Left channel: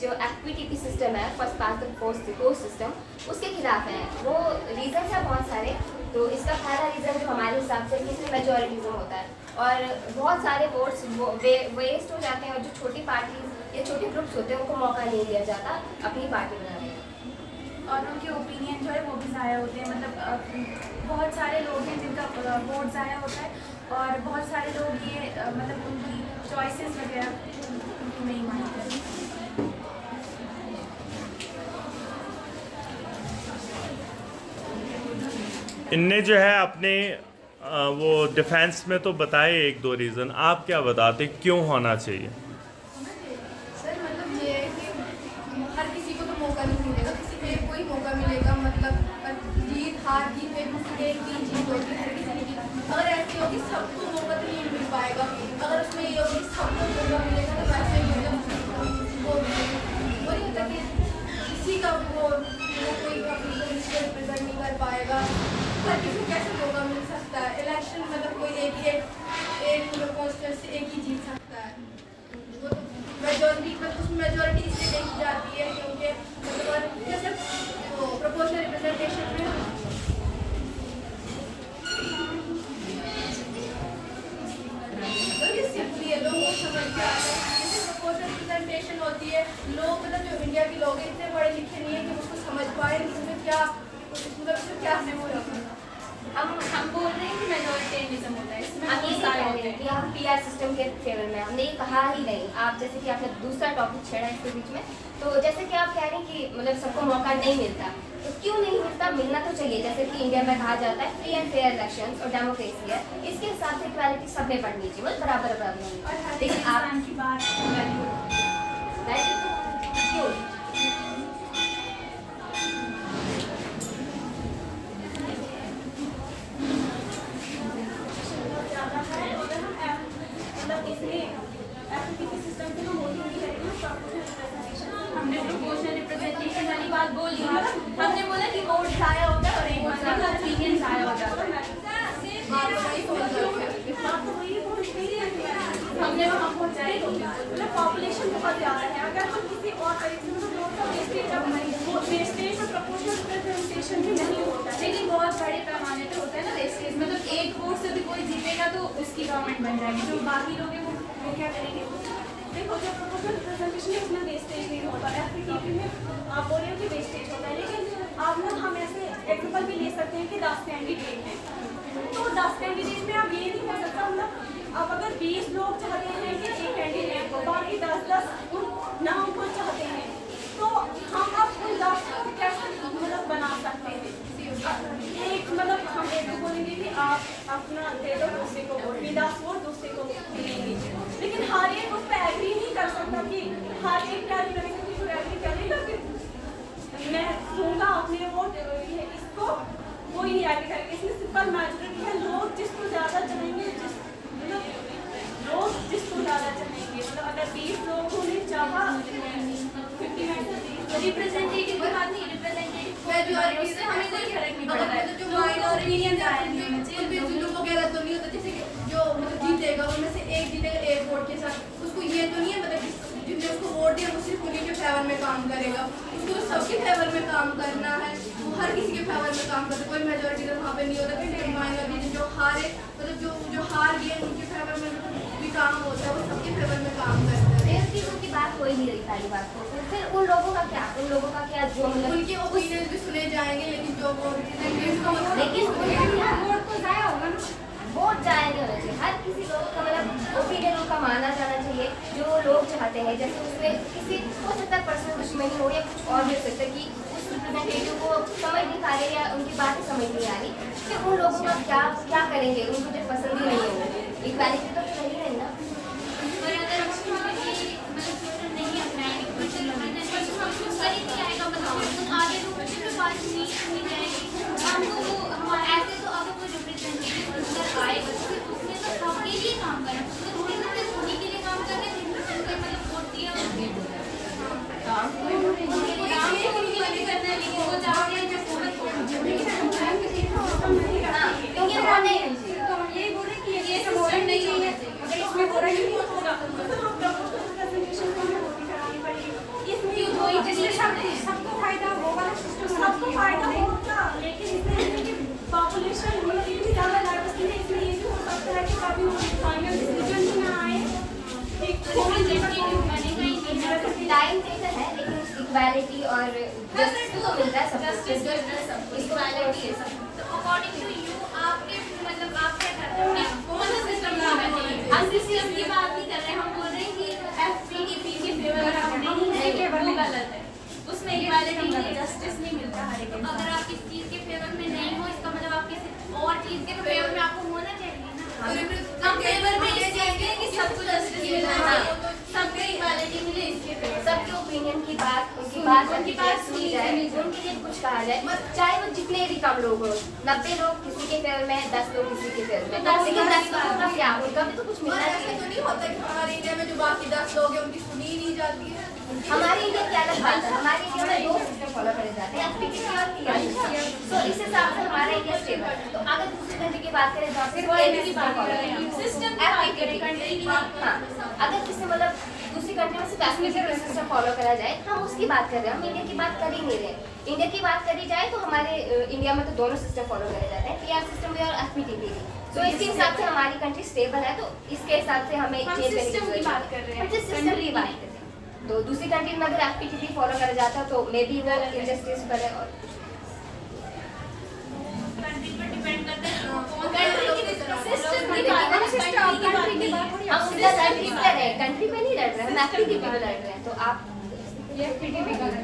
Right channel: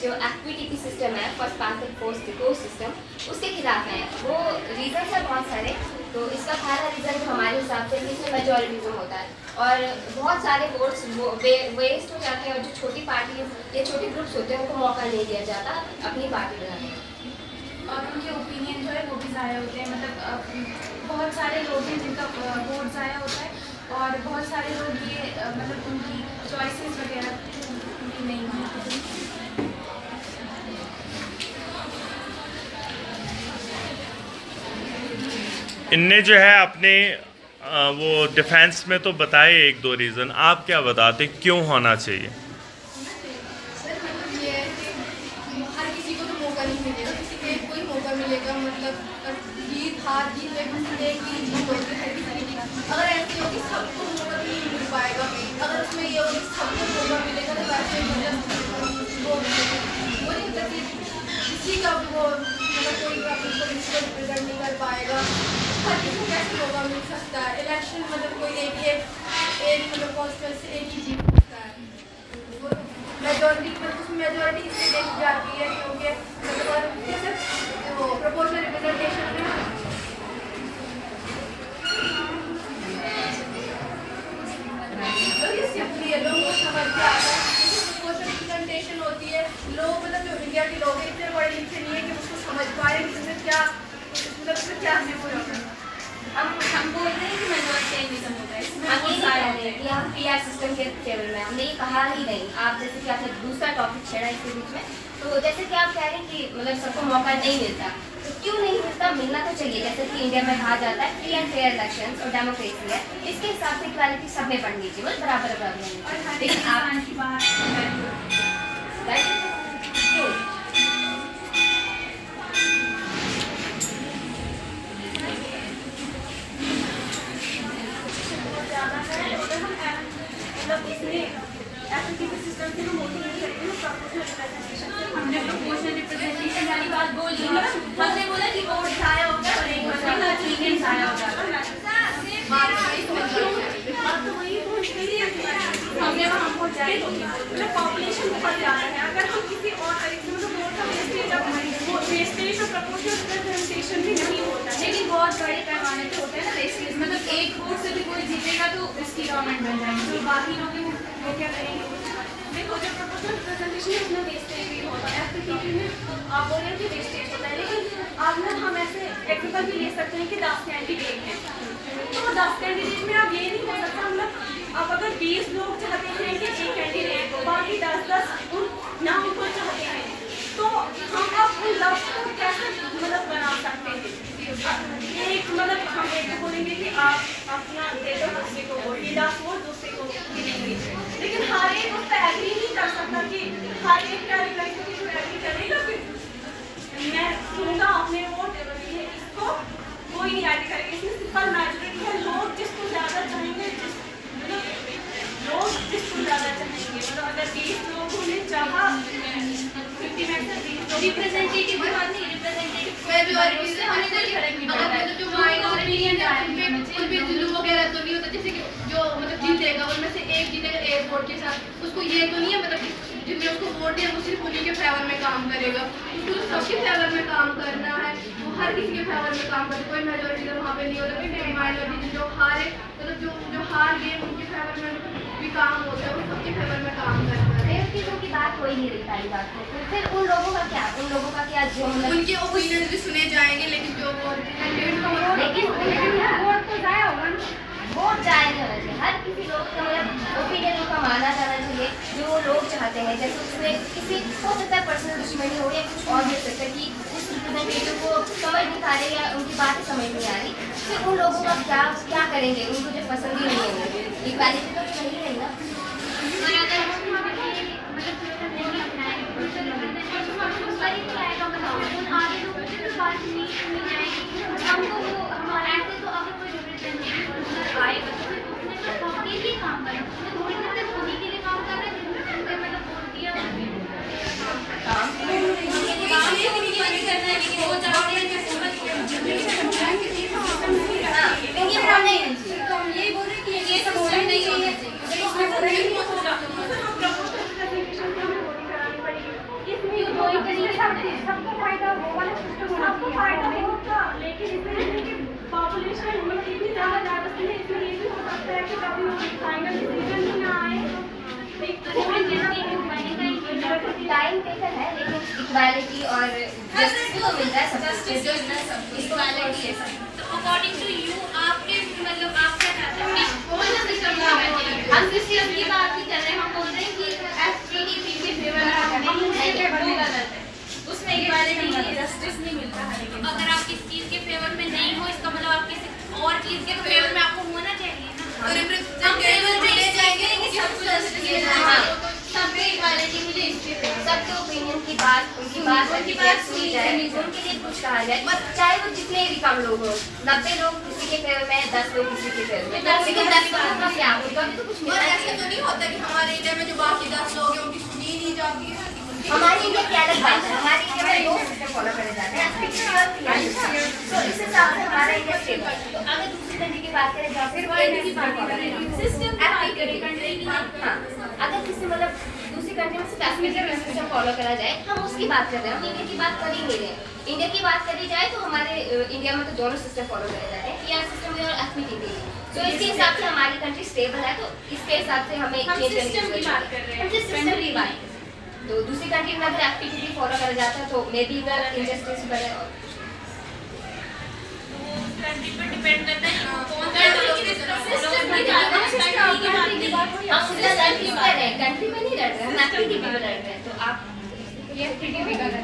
जो equity system है, first pass the post system, उसके खिलाफ हैं। वो रीज़न है बहुत सारे। तो इसका पहला रीज़न जो हमारे हिसाब से इसमें मेजॉरिटिज्म होता है और बहुत सारे वोट्स वेस्ट हो जाते हैं और जो छोटी पार्टीज या छोटे ग्रुप्स होते हैं उनको मौका नहीं दिया जाता अपनी पार्टी बनाने का और उनके ओपिनियन जो है वो भी ज़ाया होते हैं। मतलब बहुत सारे लोग हैं जिनका वोट ज़ाया होता है और बहुत सारे लोग ये मतलब उनकी चॉइसेस वगैरह उनकी नहीं मानते। इनने जो है अपने वो डिफेंस में तो बताए एक दो रीज़न, आप क्या बताते क्यों होना चाहिए? सर मतलब ये है कि हर किसी को तो मौका नहीं मिलेगा, किसी को कोई मौका मिलेगा। मतलब जीत हार जीत एक ही जीत होती है हर किसी की। अगर ऐसे हो कि सबको मौका नहीं मिल पाएगा, अगर उसमें ये हो कि सबको मौका मिलेगा तो वैसे मतलब वो नहीं होता कि किसी का वो मतलब कोई अपनी रिप्रेजेंट नहीं कर पाएगा। हर किसी को कैसे मौका मिल सकता है? इलेक्शन मतलब कोई एक मतलब कॉन्स्टिट्यूंसी एक ही जीत सकता है। मेजॉरिटी मतलब उसमें मेजॉरिटी इसलिए देखी जाती है क्योंकि मतलब और जैसे प्रोपोर्शनल रिप्रेजेंटेशन में तो ये सिंपली है, लोगों को समझ में आता है। जैसे प्रोपोर्शनल रिप्रेजेंटेशन होती है, लोग मतलब जो इंडिया के लोग हैं इतने पढ़े लिखे नहीं है कि उसको समझ पाए कि इसमें क्या मतलब इसमें क्या सिंपल होता है। हम बोल रहे हैं कि मेजॉरिटेरियनिज्म होता है, इसमें हम ये बहुत सारे कह होते रहे हैं हैं। कि हम पीआर सिस्टम के फेवर में, हमने ये कहा ही नहीं। आप जैसे कि आपने दूसरा टॉपिक छेड़ा इसके बीच में, तो जैसे कि आप कह रहे हैं कि मतलब सबको मौका नहीं मिलता, तो क्यों नहीं मिलता? मिलना तो चाहिए। जैसे कि इंडिया में कहा जाता है फ्री एंड फेयर इलेक्शन और डेमोक्रेसी है, इसके हिसाब से इक्वालिटी सब में बढ़नी चाहिए, मतलब बराबर बराबर होनी और चाहिए। हर लेकिन आप इंसान की बात क्यों? ज़्यादा है। अगर हम मतलब इसमें एफिडेविट सिस्टम से हम मोटिवेट करते हैं प्रोपोर्शनल रिप्रेजेंटेशन से। हमने प्रोपोर्शनल रिप्रेजेंटेशन वाली बात बोल दी, हमने बोला कि वोट ज़ाया हो गया और एक मतलब ओपिनियन ज़ाया हो जाता है। बात तो वही हमने वहाँ पहुँचाई होगी। मतलब पॉपुलेशन बहुत ज़्यादा है, अगर हम किसी और तरीके से मतलब वोट का वेस्टेज और प्रोपोर्शनल रिप्रेजेंटेशन भी नहीं होता है, लेकिन बहुत बड़े पैमाने पे होता है ना वेस्टेज। मतलब एक वोट से भी कोई जीतेगा तो उसकी गवर्नमेंट बन जाएगी, तो बाकी लोग वो क्या करेंगे? देखो जो प्रोपोर्शनल रिप्रेजेंटेशन है उसमें वेस्टेज नहीं होता है। एफपीटीपी में आप बोल रहे हो कि वेस्टेज होता है, लेकिन आप ना हम ऐसे एग्जाम्पल भी ले सकते हैं कि 10 कैंडिडेट हैं, तो 10 कैंडिडेट में आप ये नहीं हो सकता मतलब आप अगर 20 लोग चाहते हैं कि एक कैंडिडेट हो, बाकी 10 ना उनको चाहते हैं, तो हम अब उन 10 को कैसे मतलब बना सकते हैं? एक मतलब हम एक को बोलेंगे कि आप अपना दे दो दूसरे को वोट, ये 10 वोट दूसरे को देंगे, लेकिन हर एक उस पर एग्री नहीं कर सकता कि हर एक क्या करेगा कि एग्री करेगा कि मैं दूंगा अपने वोट इसको, कोई नहीं एग्री करेगा। इसमें सिंपल मेजॉरिटी है, लोग जिसको ज़्यादा चाहेंगे, लोग जिसको ज़्यादा चाहेंगे, मतलब अगर 20 लोगों ने चाहा 50 में से रिप्रेजेंटेटिव की बात नहीं, रिप्रेजेंटेटिव मेजॉरिटी से हमें कोई फर्क नहीं अगर पड़ता है। मतलब जो माइनॉरिटी है उनपे जुल्म वगैरह तो नहीं होता। जैसे कि जो मतलब जीतेगा उनमें से एक जीतेगा एक वोट के साथ, उसको ये तो नहीं है मतलब कि जिसने उसको वोट दिया वो सिर्फ उन्हीं के फेवर में काम करेगा, उसको सबके फेवर में काम करना है, वो हर किसी के फेवर में काम करता है। कोई मेजॉरिटी तो वहाँ पे नहीं होता, फिर माइनॉरिटी जो हारे मतलब जो हार गए उनके फेवर में भी काम होता है, वो सबके फेवर में काम करता है। चीज़ों की बात हो ही नहीं रही पहली बात तो फिर उन लोगों का क्या जो मतलब उनके ओपिनियन भी सुने जाएंगे, लेकिन जो लेकिन वोट तो जाया होगा ना, वोट जाया नहीं होना चाहिए। हर किसी लोग का मतलब ओपिनियन उनका माना जाना चाहिए जो वो लोग चाहते हैं। जैसे उसमें किसी हो सकता है पर्सनल दुश्मनी हो या कुछ और भी हो सकता है कि उस रिप्रेजेंटेटिव को समझ नहीं पा रहे या उनकी बात समझ नहीं आ रही, फिर उन लोगों का क्या करेंगे? उनको जो पसंद ही नहीं है इक्वालिटी तो नहीं है ना। इसमें इक्वालिटी और जस्टिस तो मिलता है सबको, इसको इक्वालिटी है सब। तो अकॉर्डिंग टू यू आपके मतलब आप क्या चाहते हैं कि कौन सा सिस्टम होना चाहिए? हम सिस्टम की बात नहीं कर रहे हैं, हम बोल रहे हैं कि FGTP के फेवर में आप नहीं है, वो गलत है, उसमें इक्वालिटी नहीं है। जस्टिस नहीं मिलता हर एक इंसान। अगर आप किसी चीज के फेवर में नहीं हो इसका मतलब आप किसी और चीज के फेवर में आपको होना चाहिए ना। हम फेवर में ले जाएंगे कि सबको जस्टिस मिल जाए, सबको इक्वालिटी मिले इसके फेवर। सबके ओपिनियन की बात, उनकी बात सुनी जाए, उनके लिए कुछ कहा जाए, चाहे वो जितने भी कम लोग हो, 90 लोग किसी के फेवर में, 10 लोग किसी के फेवर में, लेकिन 10 लोगों का क्या होगा तो कुछ और मिलना ऐसा चाहिए। तो नहीं होता कि हमारे इंडिया में जो बाकी 10 लोग हैं उनकी सुनी ही नहीं जाती है। हमारे इंडिया की अलग बात है, हमारे इंडिया में 2 सिस्टम फॉलो करे जाते हैं, तो इस हिसाब से हमारा इंडिया स्टेबल है। तो अगर दूसरी कंट्री की बात करें जहाँ फिर वो की बात फॉलो करें, सिस्टम की बात करें, कंट्री की बात हाँ, अगर किसी मतलब दूसरी कंट्री में सिर्फ एफिलिएटेड सिस्टम फॉलो करा जाए, हम उसकी बात कर रहे हैं, हम इंडिया की बात कर ही नहीं रहे हैं। इंडिया की बात करी जाए तो हमारे इंडिया में तो दोनों सिस्टम फॉलो करे जाते हैं, पीआर सिस्टम और एफपीटीपी। तो इसके हिसाब से हमारी कंट्री स्टेबल है, तो इसके हिसाब से हमें हम चेंज करने सिस्टम की जरूरत बात है। कर रहे हम हैं, जिस सिस्टम की बात कर रहे हैं, तो दूसरी कंट्री में अगर एफपीटीपी फॉलो करा जाता तो मे बी वो इंजस्टिस करे और कंट्री पर डिपेंड करता है कि वो कौन सा सिस्टम की बात है, सिस्टम की बात नहीं। हम उनका लड़ किस पर है, कंट्री में नहीं लड़ रहे हैं, हम एफपीटीपी में लड़ रहे हैं। तो आप ये FGTP का है।